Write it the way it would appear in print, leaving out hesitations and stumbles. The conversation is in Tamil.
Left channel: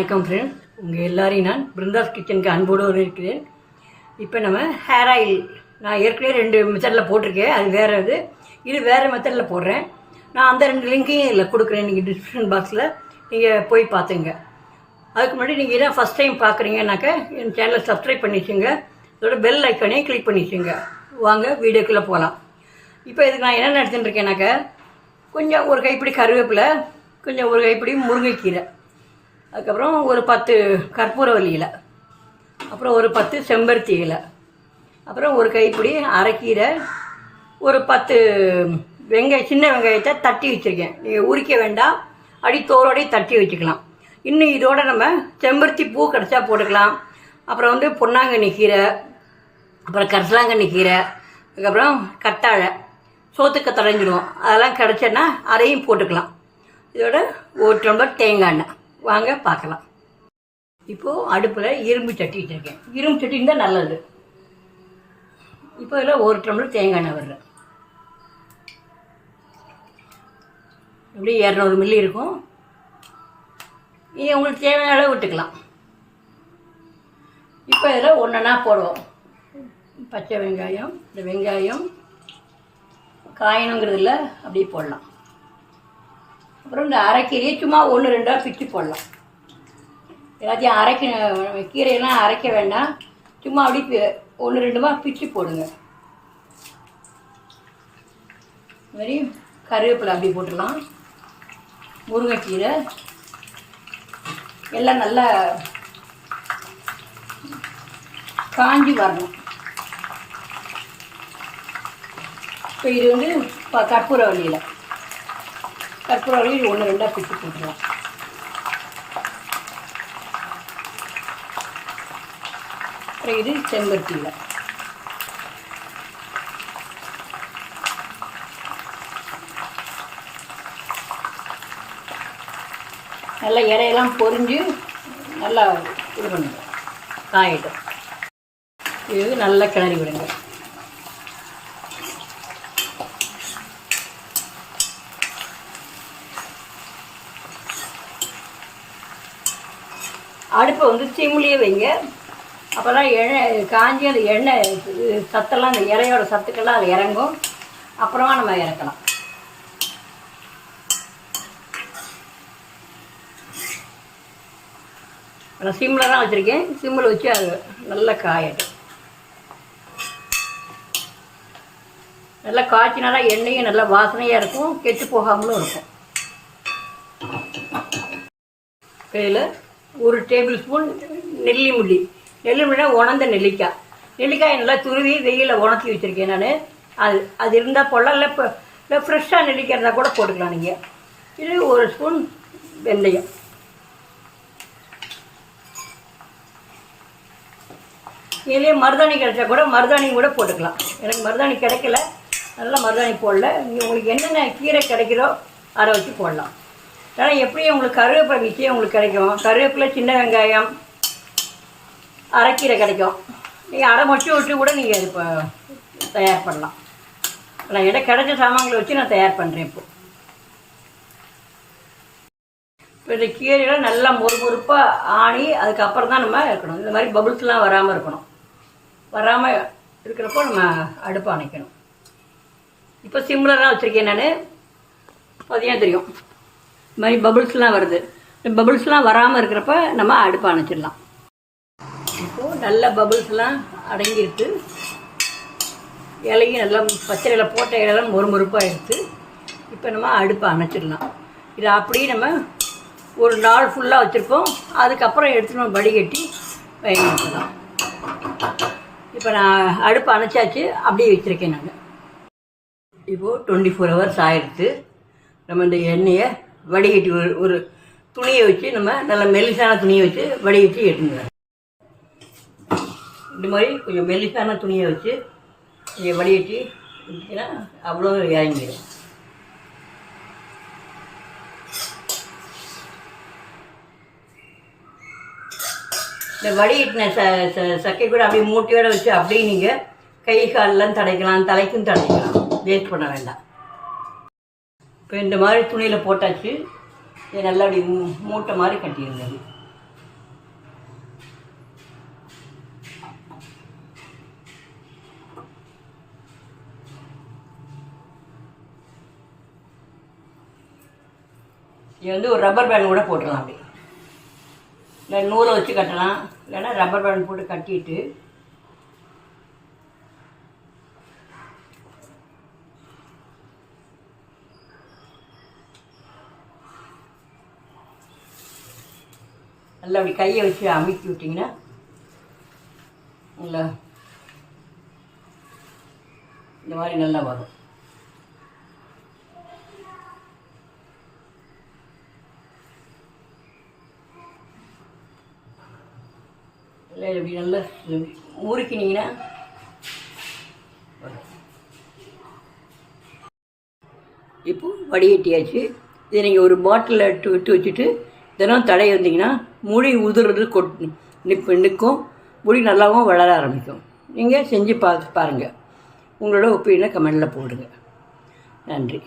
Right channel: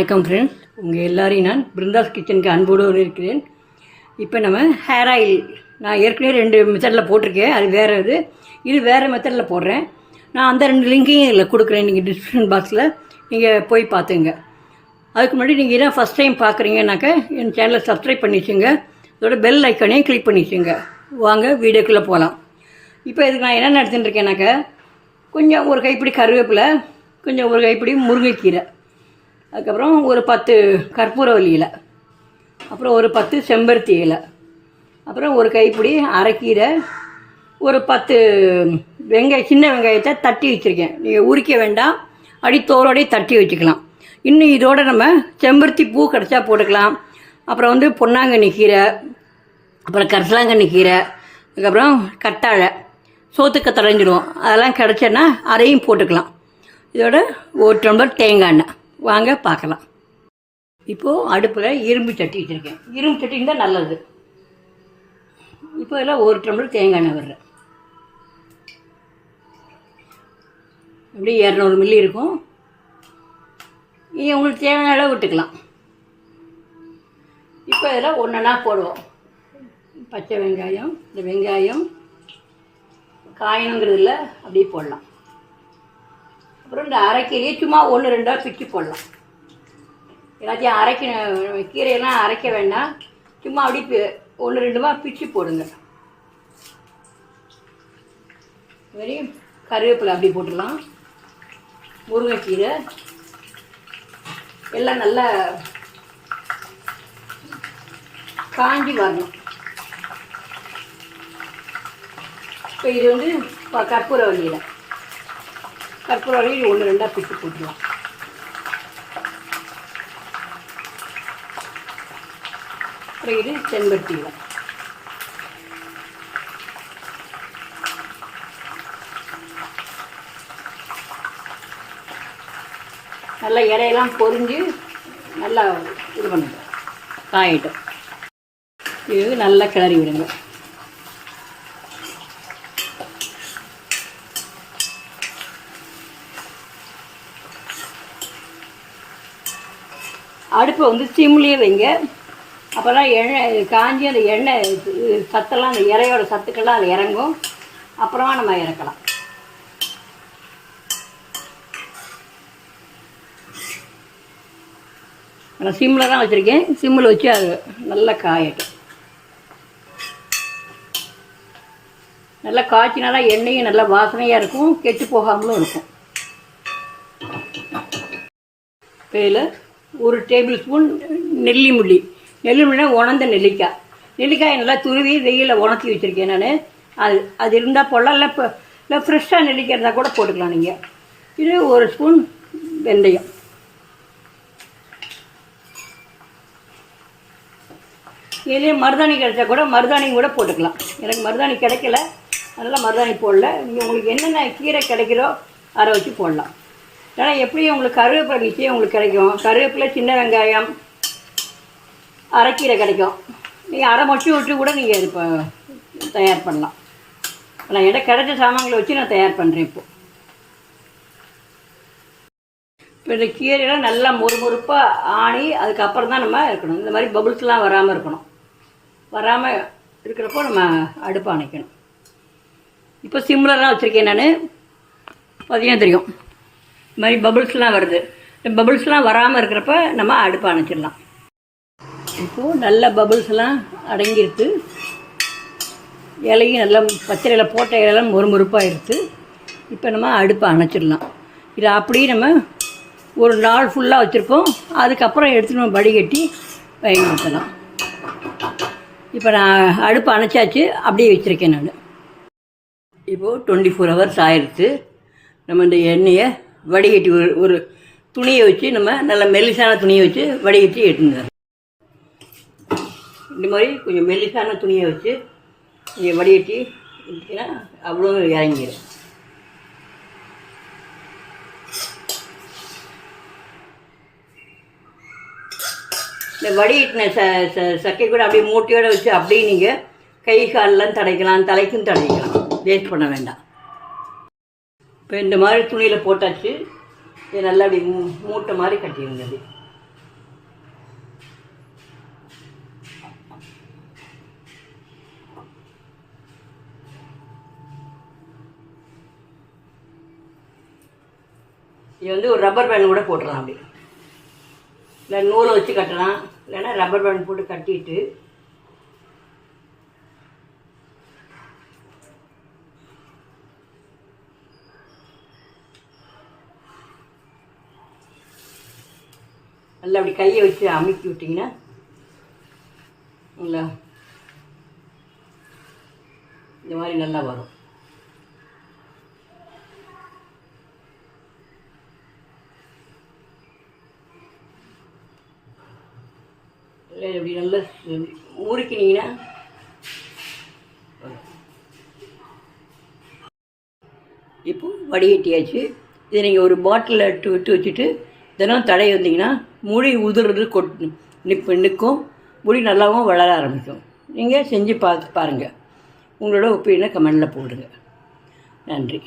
வணக்கம் ஃப்ரெண்ட்ஸ், உங்கள் எல்லாரையும் நான் பிருந்தாஸ் கிச்சனுக்கு அன்போடு இருக்கிறேன். இப்போ நம்ம ஹேர் ஆயில் நான் ஏற்கனவே 2 மெத்தடில் போட்டிருக்கேன். அது வேறு இது வேறு மெத்தடில் போடுறேன். நான் அந்த 2 லிங்கையும் இதில் கொடுக்குறேன். நீங்கள் டிஸ்கிரிப்ஷன் பாக்ஸில் நீங்கள் போய் பார்த்துங்க. அதுக்கு முன்னாடி நீங்கள் இதான் ஃபஸ்ட் டைம் பார்க்குறீங்கன்னாக்கா என் சேனலை சப்ஸ்கிரைப் பண்ணி வச்சுங்க. அதோட பெல் ஐக்கானையும் கிளிக் பண்ணி வச்சுங்க. வாங்க வீடியோக்குள்ளே போகலாம். இப்போ இதுக்கு நான் என்ன எடுத்துகிட்டு இருக்கேன்னாக்கா, கொஞ்சம் ஒரு கைப்பிடி கருவேப்பிலை, கொஞ்சம் ஒரு கைப்பிடி முருங்கைக்கீரை, அதுக்கப்புறம் ஒரு 10 கற்பூரவல்லி இலை, அப்புறம் ஒரு 10 செம்பருத்தி இலை, அப்புறம் ஒரு கைப்பிடி அரைக்கீரை, ஒரு 10 சின்ன வெங்காயத்தை தட்டி வச்சுருக்கேன். நீங்கள் உரிக்க வேண்டாம், அடித்தோரோடய தட்டி வச்சுக்கலாம். இன்னும் இதோடு நம்ம செம்பருத்தி பூ கிடச்சா போட்டுக்கலாம். அப்புறம் பொன்னாங்கண்ணி கீரை, அப்புறம் கரிசலாங்கண்ணி கீரை, அதுக்கப்புறம் கத்தாழை, சோத்துக்க தடைஞ்சிடுவோம். அதெல்லாம் கிடச்சேன்னா அதையும் போட்டுக்கலாம். இதோட ஒரு டம்ளர் தேங்காய் எண்ணெய். வாங்க பார்க்கலாம். இப்போது அடுப்பில் இரும்பு சட்டி வச்சுருக்கேன். இரும்பு சட்டி தான் நல்லது. இப்போ இதில் ஒரு டம்ளர் தேங்காய் எண்ணெய் வர்றேன். இப்படி 200 மில்லி இருக்கும். நீங்கள் உங்களுக்கு தேவையான அளவு விட்டுக்கலாம். இப்போ இதில் ஒன்றா போடுவோம். பச்சை வெங்காயம், இந்த வெங்காயம் காயணுங்கிறதுல அப்படியே போடலாம். அப்புறம் இந்த அரைக்கீரையை சும்மா 1-2 பிச்சு போடலாம். எல்லாத்தையும் கீரையெல்லாம் அரைக்க வேண்டாம், சும்மா அப்படி 1-2 பிச்சு போடுங்க. இதுமாரி கருவேப்பிலை அப்படி போட்டுடலாம். முருங்கைக்கீரை எல்லாம் நல்லா காஞ்சி வரணும். இப்போ இது கற்பூரவல்லியில் 1-2 பிச்சு போட்டுக்கலாம். அப்புறம் இது செம்பருத்தியில் நல்லா இலையெல்லாம் பொரிஞ்சு நல்லா இது பண்ணுங்க, காயிட்டும். இது நல்லா கிளறி விடுங்க. அடுப்பை சிம்லேயே வைங்க. அப்போ தான் எண்ணெய் காஞ்சி அந்த எண்ணெய் சத்தெல்லாம், அந்த இலையோட சத்துக்கெல்லாம் அதில் இறங்கும். அப்புறமா நம்ம இறக்கலாம். நான் சிம்மில் தான் வச்சுருக்கேன். சிம்மில் வச்சு அது நல்லா காயட்டும். நல்லா காய்ச்சினா தான் எண்ணெயும் நல்லா வாசனையாக இருக்கும், கெட்டு போகாமலும் இருக்கும். இதில் 1 டேபிள் ஸ்பூன் நெல்லிமுள்ளி உணர்ந்த நெல்லிக்காய் நல்லா துருவி வெயிலில் உணர்த்தி வச்சுருக்கேன் நான். அது இருந்தால் போடலாம், இல்லை ஃப்ரெஷ்ஷாக நெல்லிக்காய் இருந்தால் கூட போட்டுக்கலாம் நீங்கள். இது 1 ஸ்பூன் வெந்தயம். இதே மருதாணி கிடைச்சா கூட மருதாணி கூட போட்டுக்கலாம். எனக்கு மருதாணி கிடைக்கல, அதனால் மருதாணி போடல. இங்கே உங்களுக்கு என்னென்ன கீரை கிடைக்கிறோ அதை வச்சு போடலாம். ஏன்னா எப்படியும் உங்களுக்கு கருவேப்பிலை நிச்சயம் உங்களுக்கு கிடைக்கும். கருவேப்பிலை, சின்ன வெங்காயம், அரைக்கீரை கிடைக்கும். நீங்கள் அரை மொச்சி விட்டு கூட நீங்கள் இது தயார் பண்ணலாம். நான் என்கிட்ட கிடைச்ச சாமான்களை வச்சு நான் தயார் பண்ணுறேன். இப்போ இந்த கீரையெல்லாம் நல்லா மொறுமொறுப்பாக ஆணி அதுக்கப்புறம் தான் நம்ம இருக்கணும். இந்த மாதிரி பபுள்ஸ்லாம் வராமல் இருக்கணும். வராமல் இருக்கிறப்போ நம்ம அடுப்பை அணைக்கணும். இப்போ சிம்லர்லாம் வச்சுருக்கேன் நான். பார்த்தீங்கன்னா தெரியும், இந்த மாதிரி பபுள்ஸ்லாம் வருது. இந்த பபுள்ஸ்லாம் வராமல் இருக்கிறப்ப நம்ம அடுப்பை அணைச்சிடலாம். இப்போது நல்ல பபுள்ஸ்லாம் அடங்கிருக்கு. இலையும் நல்லா பச்சை இலை போட்ட இலையெல்லாம் மொறுமொறுப்பாக இருக்குது. இப்போ நம்ம அடுப்பை அணைச்சிடலாம். இதை அப்படியே நம்ம ஒரு நாள் ஃபுல்லாக வச்சுருக்கோம். அதுக்கப்புறம் எடுத்து நம்ம வடிகட்டி பயன்படுத்தலாம். இப்போ நான் அடுப்பை அணைச்சாச்சு, அப்படியே வச்சுருக்கேன் நான். இப்போது 24 ஹவர்ஸ் ஆயிடுச்சு. நம்ம இந்த எண்ணெயை வடிகட்டி ஒரு துணியை வச்சு, நம்ம நல்ல மெல்லிசான துணியை வச்சு வடிகட்டி எடுத்துங்க. இந்த மாதிரி கொஞ்சம் மெல்லிசான துணியை வச்சு நீங்கள் வடிகட்டி எடுத்தீங்கன்னா அவ்வளோ இறங்கிடும். இந்த வடிகட்டின சக்கை கூட அப்படியே மூட்டையோடு வச்சு அப்படியே நீங்கள் கை காலெலாம் தடைக்கலாம், தலைக்கும் தடைக்கலாம். வேஸ்ட் பண்ண வேண்டாம். இப்போ இந்த மாதிரி துணியில் போட்டாச்சு. இதை நல்லா அப்படி மூட்டை மாதிரி கட்டிடுங்க. இது வந்து ஒரு ரப்பர் பேண்ட் கூட போட்டுடலாம். அப்படி இல்லை நூலை வச்சு கட்டலாம், இல்லைன்னா ரப்பர் பேண்ட் போட்டு கட்டிட்டு நல்லா அப்படி கையை வச்சு அமுக்கி விட்டிங்கன்னா நல்லா இந்த மாதிரி நல்லா வரும். இல்லை இப்படி நல்லா முறுக்கினீங்கன்னா இப்போது வடிகட்டியாச்சு. இதை நீங்கள் ஒரு பாட்டிலில் விட்டு வச்சுட்டு தினம் தடவி வந்தீங்கன்னா முடி உதிர்றது நிற்கும், முடி நல்லாவும் வளர ஆரம்பிக்கும். நீங்கள் செஞ்சு பாருங்கள். உங்களோட ஒப்பீனியனை கமெண்டில் போடுங்க. நன்றி.